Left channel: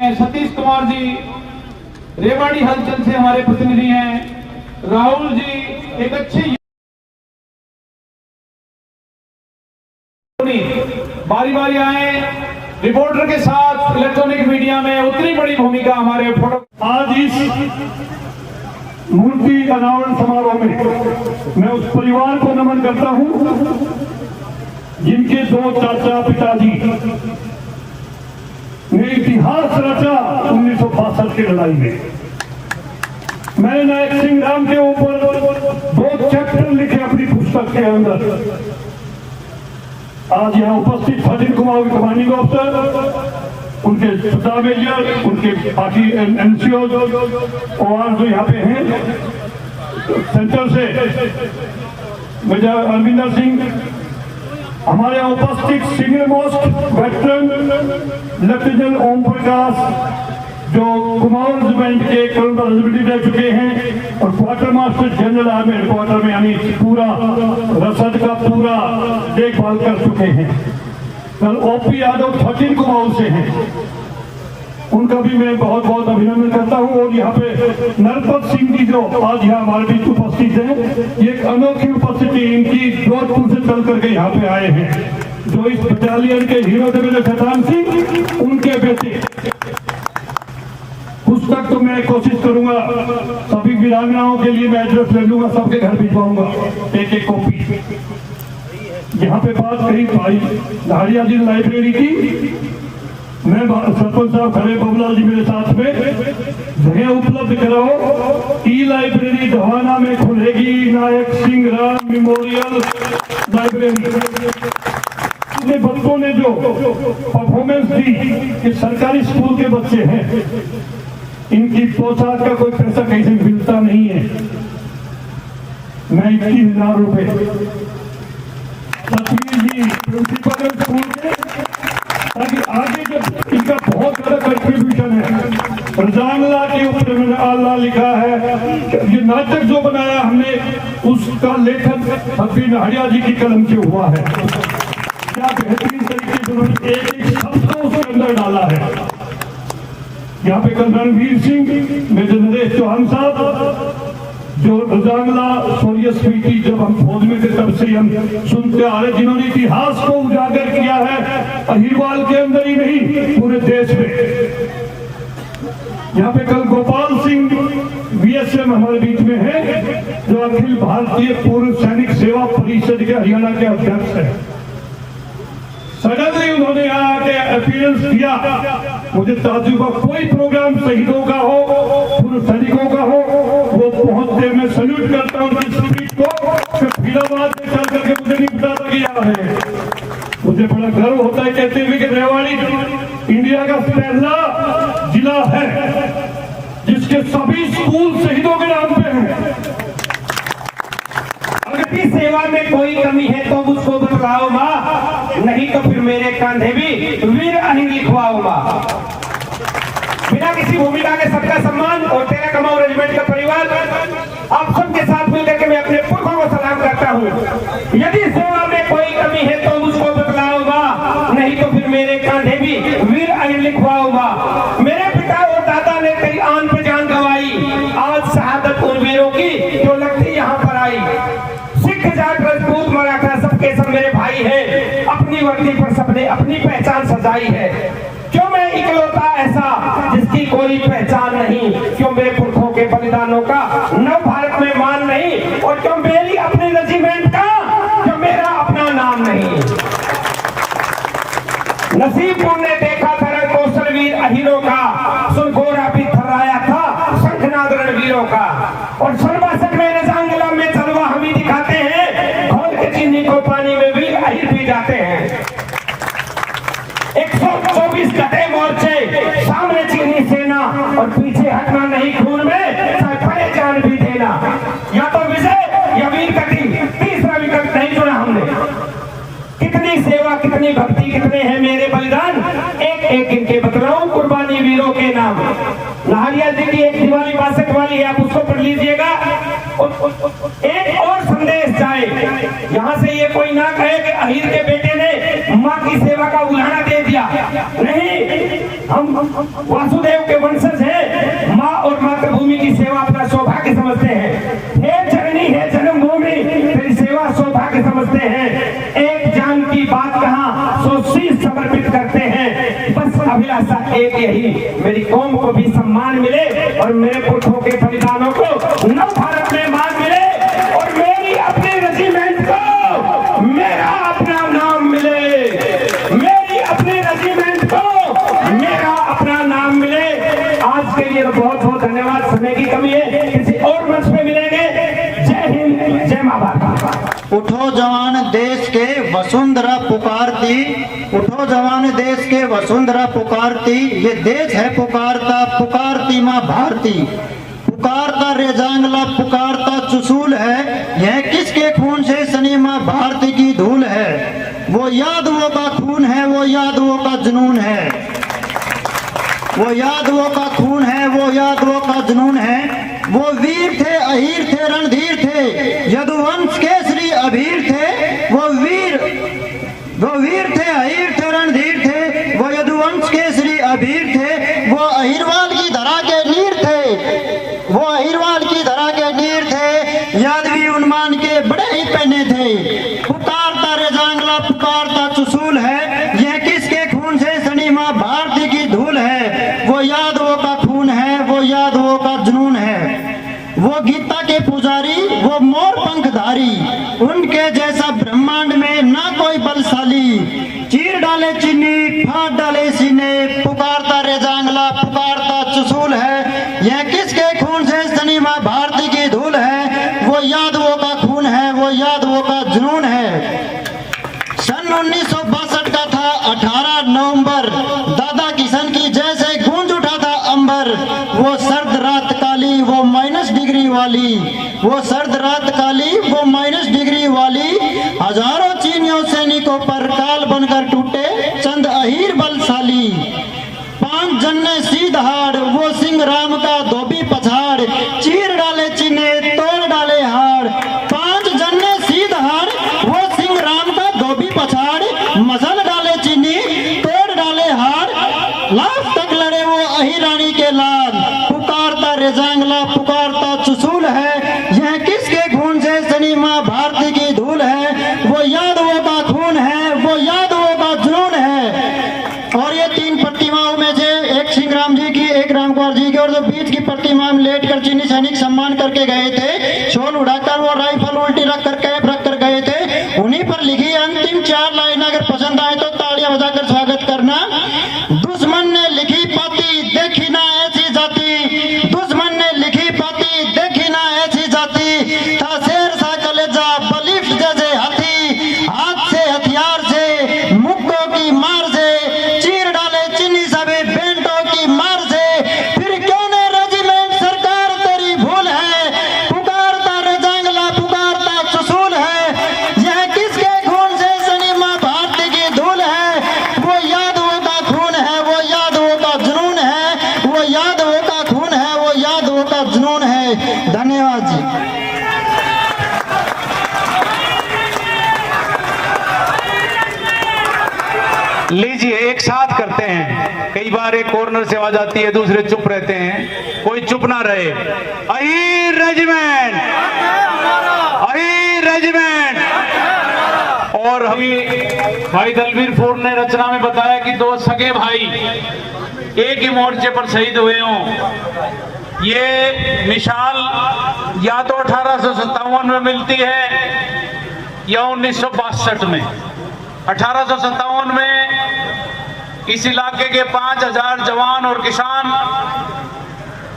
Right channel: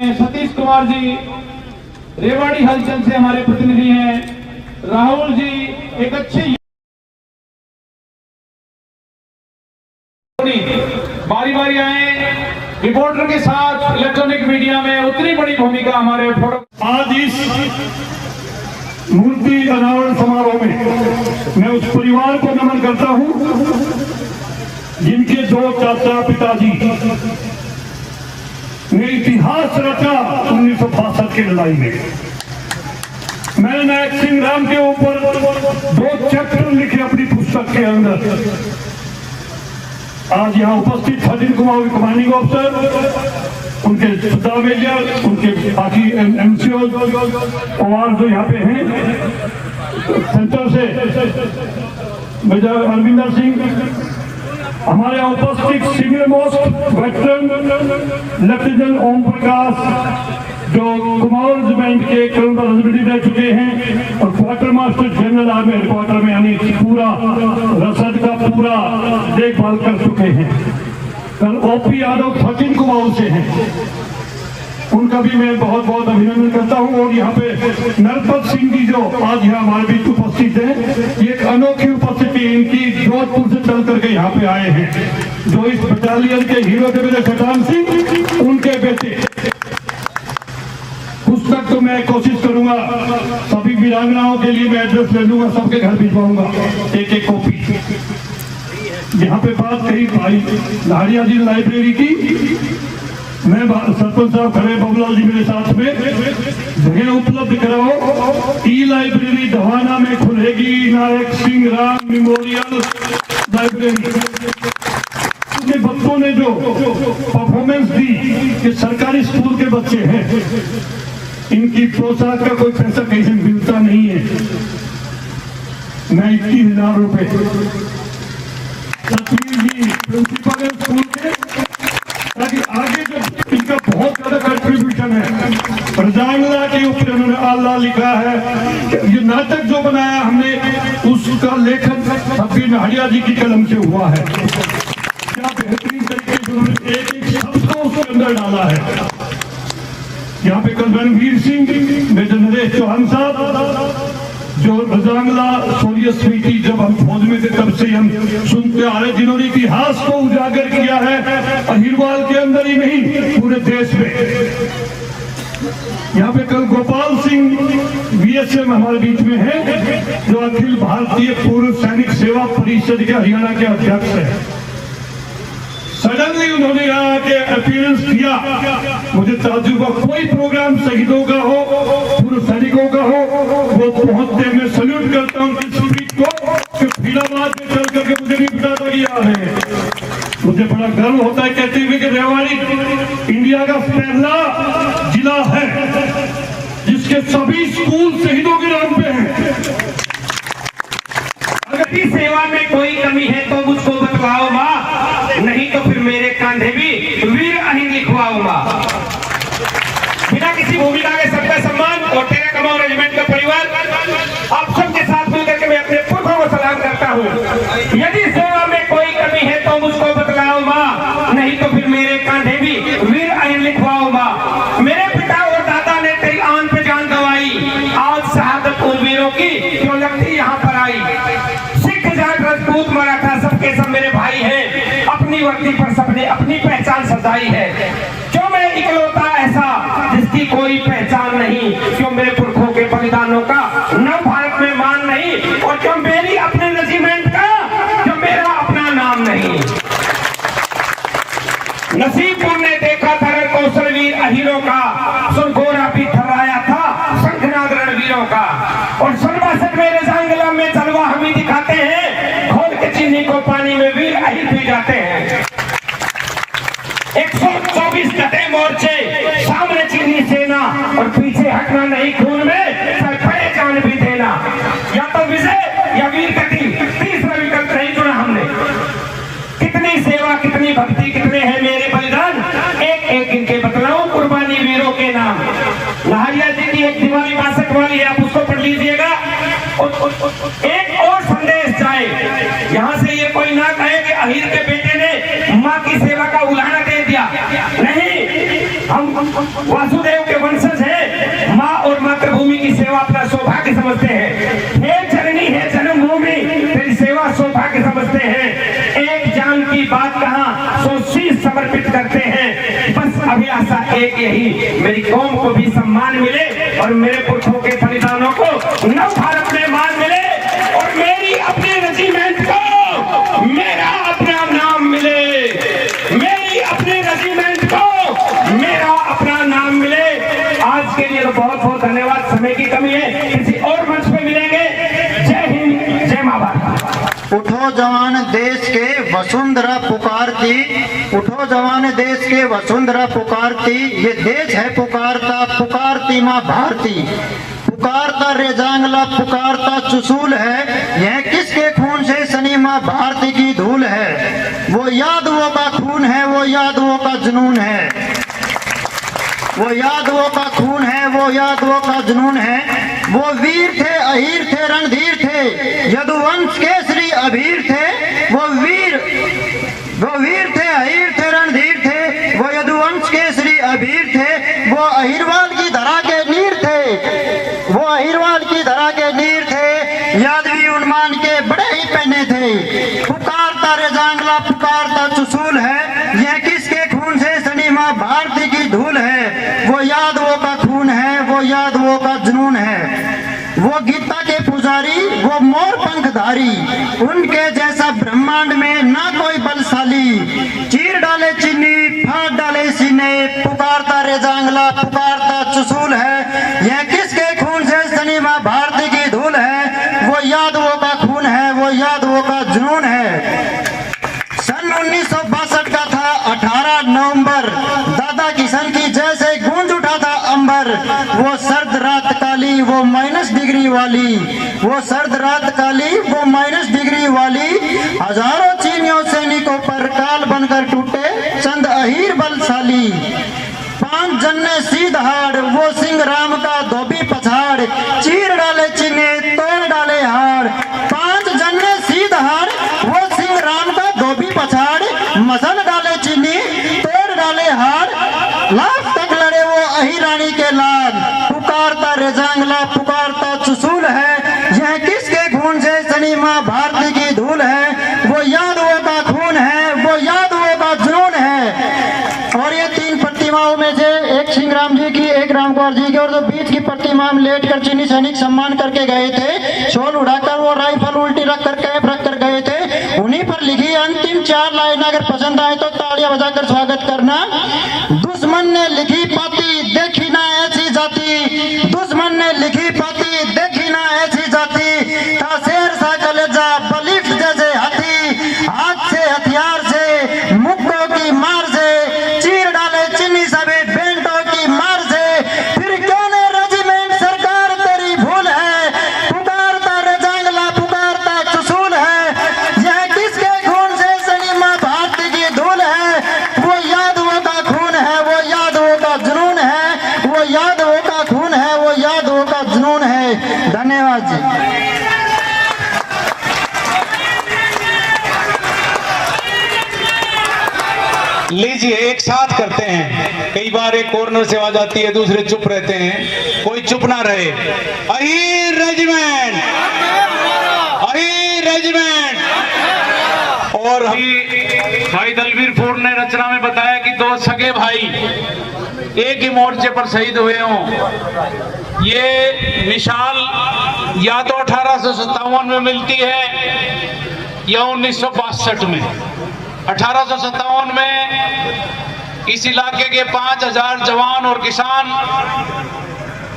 सतीश कुमार जी रेवाड़ी हलचल से हमारे प्रतिनिधि हैं। राहुल जी एक अच्छे बारी बारी आए रिपोर्टर के साथ इलेक्ट्रॉनिक मीडिया में उतनी बड़ी भूमिका हमारे फोटो। आज इस मूर्ति अनावरण समारोह में मैं उस परिवार को नमन करता हूं जिनके दो चाचा पिताजी ने इतिहास रचा 1962 की लड़ाई में। मैंने नायक सिंह राम के ऊपर 2 चैप्टर लिखे अपनी पुस्तक के अंदर। आज यहाँ उपस्थित सचिन कुमार कमांडिंग ऑफिसर, उनके सत्ता मेजर, उनके बाकी एनसीओ और जो यहाँ पे हैं सेंटर से मेजर अरविंदर सिंह, हमारे यहाँ उपस्थित senior most veteran lieutenant Om Prakash जो कुमाऊं रेजिमेंट के कर्नल रेजिमेंट रह चुके हैं और quarter master general army headquarter में यानी पूरा रसद का पूरा देखभाल कर चुके हैं। कल ओपी यादव सचिन कुमाऊं से हैं, उनका भी मैं बहुत बहुत अभिनंदन करता हूं। और यहाँ पे नरपत सिंह जी जो आज यहाँ हमारे बीच उपस्थित हैं, ये एक अनोखी उपस्थिति इनकी जोधपुर से चल करके यहाँ पे आए हैं, जो इस बटालियन के हीरो थे मेरे सटान सिंह, उनके बेटे। पुस्तक तो मैं कोशिश करूंगा सभी वीरांगनाओं के लिए मैं एड्रेस ले लूंगा, सबके घर भिजवाऊंगा एक कॉपी। यहाँ पे बात कही भाई लाहड़िया जी लाइब्रेरी की, मैं सरपंच साहब खड़े, बबुलाल जी मेरे साथ में, जगह उपलब्ध कराओ। ई लाइब्रेरी धवाना में खुलेगी, नायक सिंह राम मेमोरियल लाइब्रेरी। उसमें बच्चों ने जो परफॉर्मेंस दी कि सरकारी स्कूल के बच्चे हैं, इनकी पोशाक का कोई पैसा कहीं से मिलता नहीं है। मैं 21,000 रुपए प्रिंसिपल स्कूल के, ताकि आगे जब इनका बहुत ज्यादा कंट्रीब्यूशन है। रजामला के ऊपर उन्होंने आल्ला लिखा है। ये नाटक जो बनाया हमने, उसका लेखन सभी नाहड़िया जी की कलम से हुआ है। क्या बेहतरीन तरीके से उन्होंने एक शब्द को उसके अंदर डाला है। यहाँ पे कल रणवीर सिंह, मेजर नरेश चौहान साहब जो रजांगला सोलिया स्मृति जब हम फौज में थे तब से हम सुनते आ रहे, जिन्होंने इतिहास को उजागर किया है अहिरवाल के अंदर ही नहीं पूरे देश में। यहाँ पे कल गोपाल सिंह बीएसएम हमारे बीच में है, जो अखिल भारतीय पूर्व सैनिक सेवा परिषद के हरियाणा के अध्यक्ष है। सडनली उन्होंने यहाँ के अपीयरेंस किया, मुझे ताज्जुब हुआ। कोई प्रोग्राम शहीदों का हो, पूर्व सैनिकों का हो, वो पहुंचते मैं सल्यूट करता हूँ उनकी स्पीच को, जो फरीदाबाद में चल करके मुझे नहीं पता किया है। मुझे बड़ा गर्व होता है कहते हुए कि रेवाड़ी इंडिया का पहला जिला है जिसके सभी स्कूल शहीदों के नाम पे हैं। अगर इस सेवा में कोई कमी है तो मुझको बतलाओ माँ, नहीं तो फिर मेरे कंधे भी वीर अहिर लिखवाओ माँ। बिना किसी भूमिका के सबका सम्मान और तेरा कमाऊं रेजिमेंट का परिवार आप सबके साथ मिलकर के मैं अपने पुरखों को सलाम करता हूँ। यदि सेवा में कोई कमी है तो मुझको बतलाओ माँ, नहीं तो फिर मेरे कंधे भी वीर अहिर लिखवाओ माँ। मेरे पिता और दादा ने तेरी आन पे जान गंवाई, आज शहादत उन वीरों की जो लगती यहाँ पर आई। सिख जाट राजपूत मराठा सबके सब मेरे भाई हैं, अपनी वर्दी पर सबने अपनी पहचान सजाई है। क्यों मैं इकलौता ऐसा जिसकी कोई पहचान नहीं, क्यों मेरे पुरखों के बलिदानों का नव भारत में मान नहीं, और क्यों मेरी अपने रेजिमेंट का जो मेरा अपना नाम नहीं। नसीबपुर ने देखा था कौशलवीर अहिरों का, सुरगोरा भी थर्राया था शंखनाद रणवीरों का, और सर्वासठ में रजांगला में तलवा हम ही दिखाते हैं, घोल के चीनी को पानी में वीर अहिर पी जाते हैं। 124 गधे मोर्चे, सामने चीनी सेना और पीछे हटना नहीं, खून में सरखड़े जान भी देना। या तो विजय या वीर गति, तीसरा विकल्प नहीं चुना हमने। कितनी सेवा, कितनी भक्ति, कितने हैं मेरे बलिदान, एक एक इनके बतलाऊं कुर्बानी वीरों के नाम। लाहड़िया जी की एक दिवाली 62 वाली है, आप उसको पढ़ लीजिएगा। एक और संदेश जाए, यहाँ से ये कोई ना कहे कि अहिर के बेटे ने माँ की सेवा का उदाहरण दे दिया। नहीं, हम वासुदेव के वंशज है, माँ और मातृभूमि की सेवा अपना सौभाग्य समझते हैं। हे जननी है जन्मभूमि, तेरी सेवा सौभाग्य समझते हैं। एक जान की बात कहाँ, सो शीश समर्पित करते हैं। बस अभिलाषा एक यही, मेरी कौम को भी सम्मान मिले और मेरे पुरखों के बलिदानों को नव भारत में मान मिले और मेरी अपनी रेजिमेंट को मेरा अपना नाम मिले, मेरी अपनी रेजिमेंट को मेरा अपना नाम मिले। आज के लिए बहुत बहुत धन्यवाद। समय की कमी है, किसी और मंच पे मिलेंगे। जय हिंद, जय मां भारत। उठो जवान देश के वसुंधरा पुकारती, उठो जवान देश के वसुंधरा पुकारती, ये देश है पुकारता, पुकारती माँ भारती। पुकारता रेजांगला पुकारता चुसूल है, यह किसके खून से सनी माँ भारती की धूल है। वो यादवों का खून है, वो यादवों का जुनून है, वो यादवों का खून है, वो यादवों का जुनून है। वो वीर थे, अहीर थे, रणधीर थे, यदुवंश केसरी अभीर थे। वो वीर थे, अहीर थे, रणधीर थे, वो यदुवंश केसरी अभीर थे। वो अहिरवाल की धरा के नीर थे, वो अहिरवाल की धरा के नीर थे, यादवी उन्मान के बड़े ही पहने थे। पुकारता रेजांगला पुकारता चुसूल है, यह किसके खून से सनी माँ भारती की धूल है। वो यादवों का खून है, वो यादवों का जुनून है। वो गीता के पुजारी, वो मोर पंखधारी, उनके जैसा ब्रह्मांड में ना कोई बलशाली। चीर डाले चीनी, फाड़ डाले सीने, पुकारता रेजांगला पुकारता चुसूल है, यह किसके खून से सनी माँ भारती की धूल है। वो यादवों का खून है, वो यादवों का जुनून है। सन 1962 का था 18 नवंबर, दादा किशन की जैसे गूंज उठा था अंबर। वो सर्द रात काली, वो माइनस डिग्री वाली, वो सर्द रात काली, वो माइनस डिग्री वाली। हजारों चीनियों सैनिकों पर काल बनकर टूटे चंद अहीर बलशाली। 5 जन्ने सीधहाड़, वो सिंह राम का धोबी पछाड़, चीर डाले चीने तोड़ डाले हाड़। 5 जन्ने सीधहाड़, वो सिंह राम का धोबी पछाड़, मसल डाले चीनी तोड़ डाले हाड़। लाख तक लड़े वो अहिरानी के लाल, पुकारता रेजांगला पुकारता चुसूल है, यह किसके खून से सनी माँ भारती की धूल है। वो यादवों का खून है, वो यादवों का जुनून है। और ये 3 प्रतिमाओं में से एक सिंह राम जी की, एक राम कुमार जी की, और जो बीच की प्रतिमा में लेट कर चीनी सैनिक सम्मान करके गए थे, शॉल उड़ाकर वो राइफल उल्टी रख कर कैप रख कर गए थे, उन्हीं पर लिखी अंतिम 4 लाइन अगर पसंद आए तो तालियां बजाकर स्वागत करना। दुश्मन ने लिखी पाती देखी ना ऐसी जाति, दुश्मन ने लिखी पाती देखी ना ऐसी जाति। था शेर सा कलेजा बलिष्ठ जैसे हाथी, हाथ से हथियार से मुक्कों की मार से, चीर डाले चीनी सभी बेंटों की मार से। फिर क्यों ने रेजिमेंट सरकार तेरी भूल है, पुकारता रेजांगला पुकारता चुसूल है, यह किसके खून से सनी माँ भारती की धूल है। वो यादवों का खून है, वो यादवों का जुनून है, वो यादवों का खून है, वो यादवों का जुनून है। धन्यवाद जी। लीजिए एक साथ करते हैं। कई बार एक कॉर्नर से आवाज आती है, दूसरे चुप रहते हैं, कोई चुप ना रहे। Ahir regiment, Ahir regiment. और भाई दलवीर फूड ने रचना में बताया कि 2 सगे भाई एक ही मोर्चे पर शहीद हुए हों। ये मिसाल या तो 1857 में मिलती है या 1962 में। 1857 में इस इलाके के 5000 जवान और किसान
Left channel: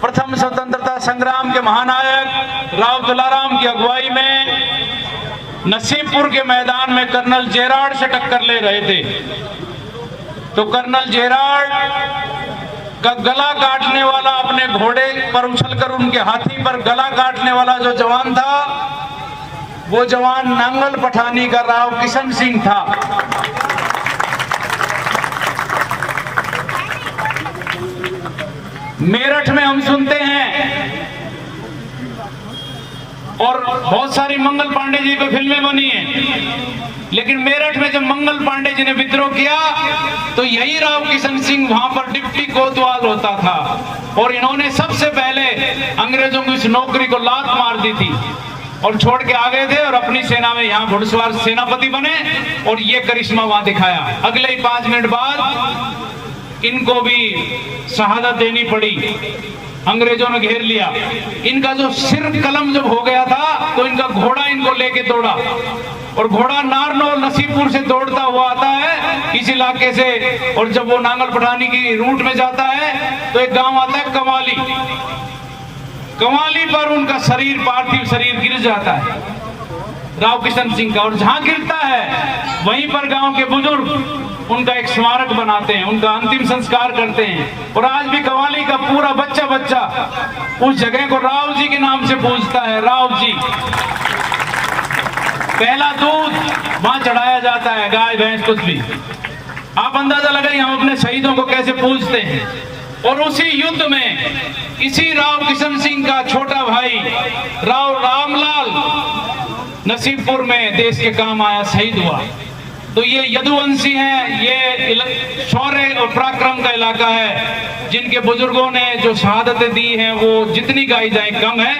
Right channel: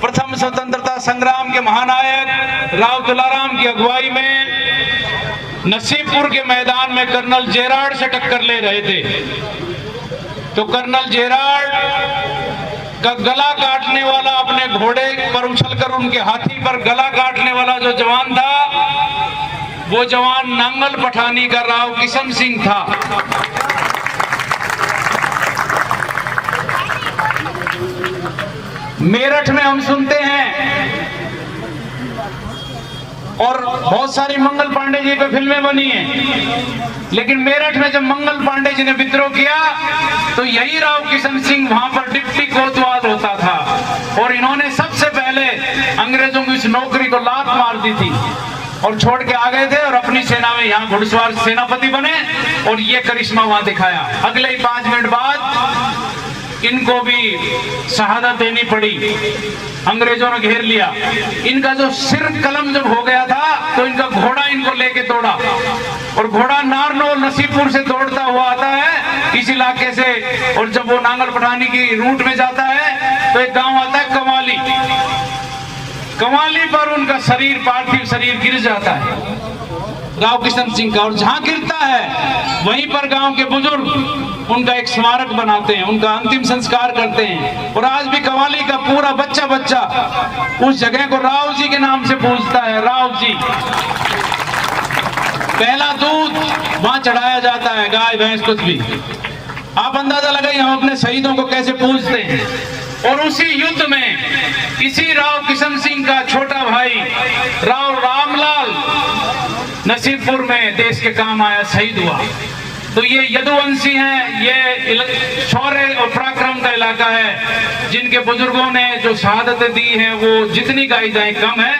प्रथम स्वतंत्रता संग्राम के महानायक राव तुलाराम की अगुवाई में नसीबपुर के मैदान में कर्नल जेरार्ड से टक्कर ले रहे थे। तो कर्नल जेरार्ड का गला काटने वाला, अपने घोड़े पर उछलकर उनके हाथी पर गला काटने वाला जो जवान था, वो जवान नांगल पठानी का राव किशन सिंह था। मेरठ में हम सुनते हैं और बहुत सारी मंगल पांडे जी पे फिल्में बनी हैं, लेकिन मेरठ में जब मंगल पांडे जी ने विद्रोह किया तो यही राव किशन सिंह वहां पर डिप्टी कोतवाल होता था और इन्होंने सबसे पहले अंग्रेजों की इस नौकरी को लात मार दी थी और छोड़ के आ गए थे और अपनी सेना में यहाँ घुड़सवार सेनापति बने और ये करिश्मा वहां दिखाया। अगले ही 5 मिनट बाद इनको भी शहादत देनी पड़ी, अंग्रेजों ने घेर लिया। इनका जो सिर कलम जब हो गया था तो इनका घोड़ा इनको लेके दौड़ा और घोड़ा नारनौल नसीबपुर से दौड़ता हुआ आता है इस इलाके से और जब वो नांगल पठानी की रूट में जाता है तो एक गांव आता है कवाली। कवाली पर उनका शरीर, पार्थिव शरीर गिर जाता है राव किशन सिंह का, और जहां गिरता है वहीं पर गांव के बुजुर्ग उनका एक स्मारक बनाते हैं, उनका अंतिम संस्कार करते हैं। और आज भी कवाली का पूरा बच्चा बच्चा उस जगह को राव जी के नाम से पूजता है। राव जी, पहला दूध वहां चढ़ाया जाता है, गाय भैंस कुछ भी। आप अंदाजा लगाइए हम अपने शहीदों को कैसे पूजते हैं। और उसी युद्ध में इसी राव किशन सिंह का छोटा भाई राव रामलाल नसीबपुर में देश के काम आया, शहीद हुआ। तो ये यदुवंशी हैं, ये शौर्य और पराक्रम का इलाका है, जिनके बुजुर्गों ने जो शहादतें दी हैं वो जितनी गाई जाए कम है।